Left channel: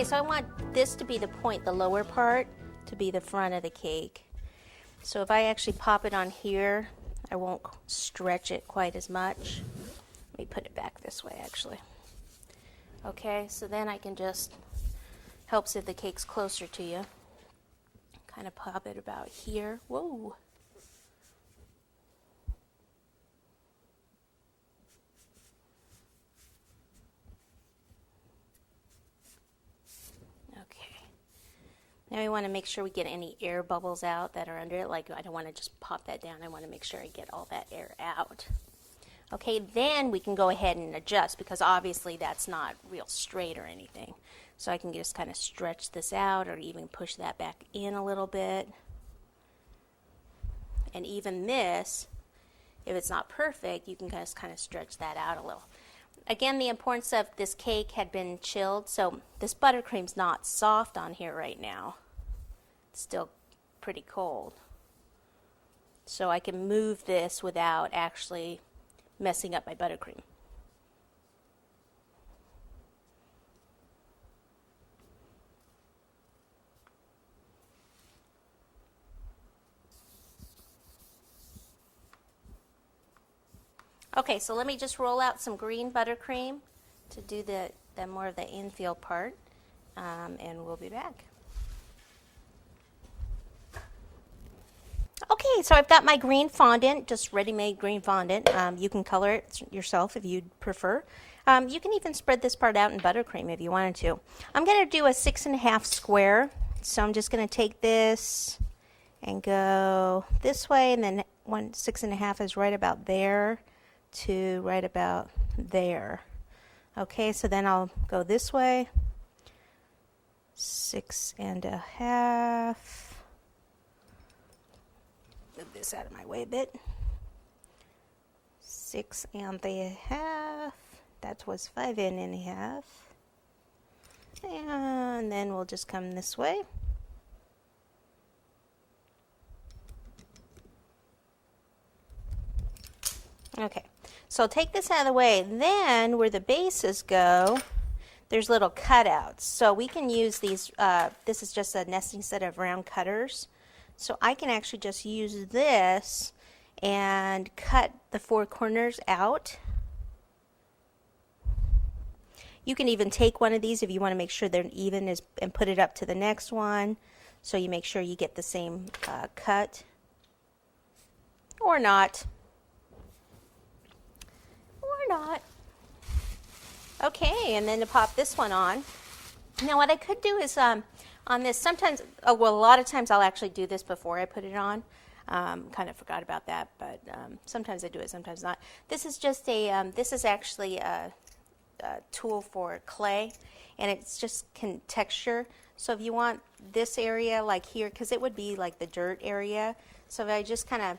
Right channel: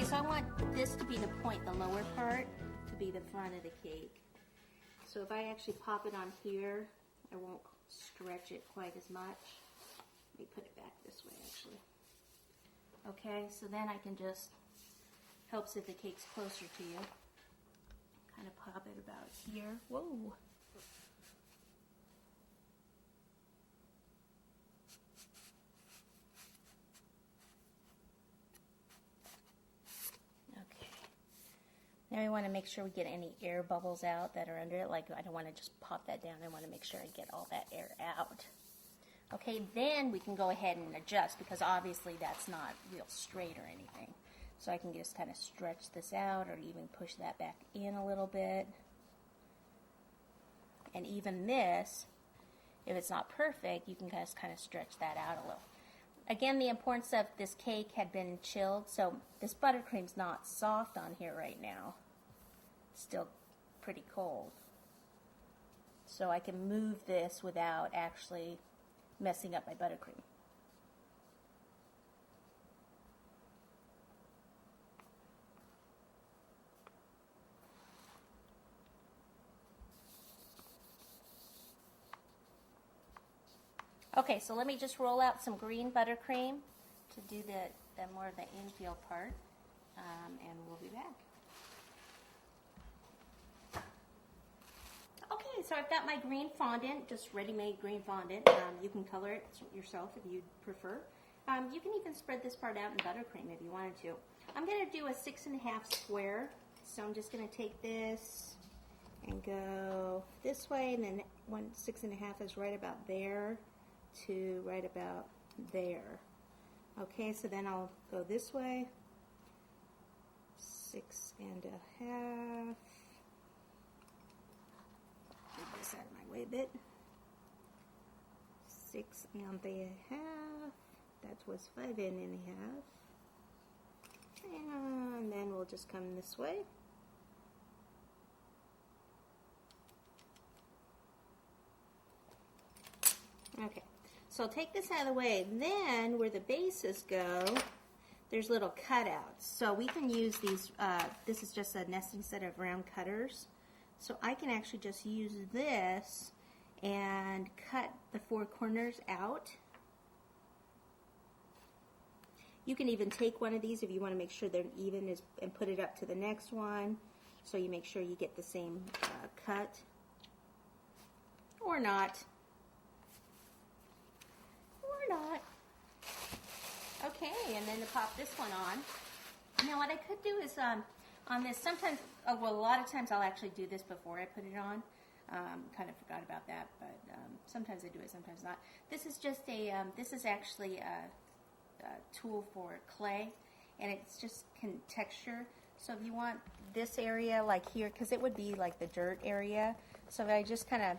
Okay, so I want this to be the point, the lower part, to be the front of the cake. So if I actually pop it on here, I won't stretch it quite as much. Let me put it back this way, actually. Okay, so then I can just, helps if the cake's closer to you. Kind of pop it about here. Whoa. Now we want to make sure we get any air bubbles out that are under it. Like, I don't want to just pop that down. I want to make sure I get all that air out. Okay, then we can go ahead and adjust, because obviously that's not real straight or anything. So I can just kind of stretch this out, or even push that back in a little bit. And even this, if it's not perfect, you can just kind of stretch that out a little. Again, the importance of this cake had been chilled, so this buttercream's not soft on here right now. It's still pretty cold. So I can move this without actually messing up my buttercream. Okay, so let me just roll out some green buttercream to do the more of the infill part, and we'll be back. Okay, so I've got my green fondant, just ready-made green fondant. You can color it yourself if you'd prefer. You can even spread this part out in buttercream if you wanted to. I'm going to do a 6.5 square, so I'm just going to take this and go this way, and then 6.5 is right about there to right about there. Okay, so then I'll go this way, 6.5. Move this out of my way a bit. 6.5. That was 5.5. And then we'll just come this way. Okay. So take this out of the way. Then where the bases go, there's little cutouts. So we can use these, this is just a nesting set of round cutters. So I can actually just use this and cut the 4 corners out. You can even take one of these if you want to make sure they're even and put it up to the next one. So you make sure you get the same cut. Or not. Not. Okay, and then to pop this one on. Now what I could do is on this, sometimes, well, a lot of times I'll actually do this before I put it on. Kind of forgot about that, but sometimes I do it, sometimes not. This is just a, this is actually a tool for clay, and it's just texture. So if you want this area like here, because it would be like the dirt area, so if I just kind of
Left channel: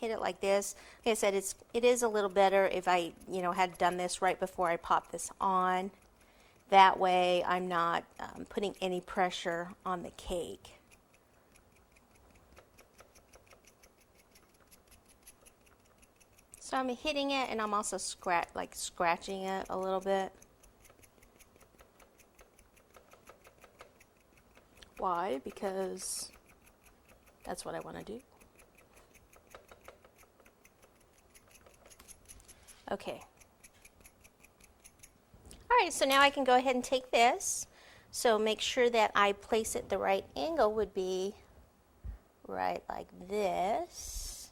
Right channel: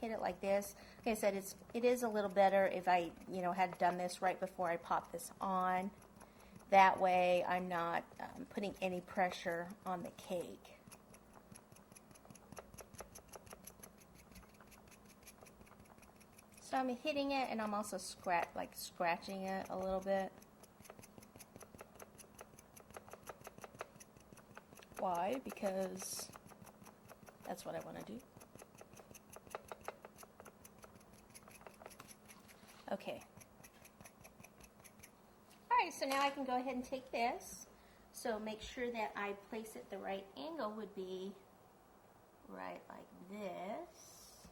hit it like this. Like I said, it is a little better if I, had done this right before I pop this on. That way I'm not putting any pressure on the cake. So I'm hitting it, and I'm also scratching it a little bit. Why? Because that's what I want to do. Okay. All right, so now I can go ahead and take this. So make sure that I place it the right angle would be right like this.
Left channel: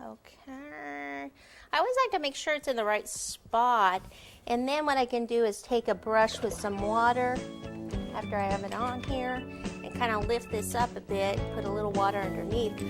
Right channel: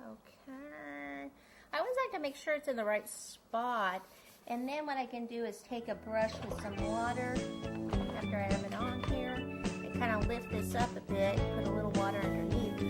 Okay. I always like to make sure it's in the right spot. And then what I can do is take a brush with some water after I have it on here and kind of lift this up a bit, put a little water underneath.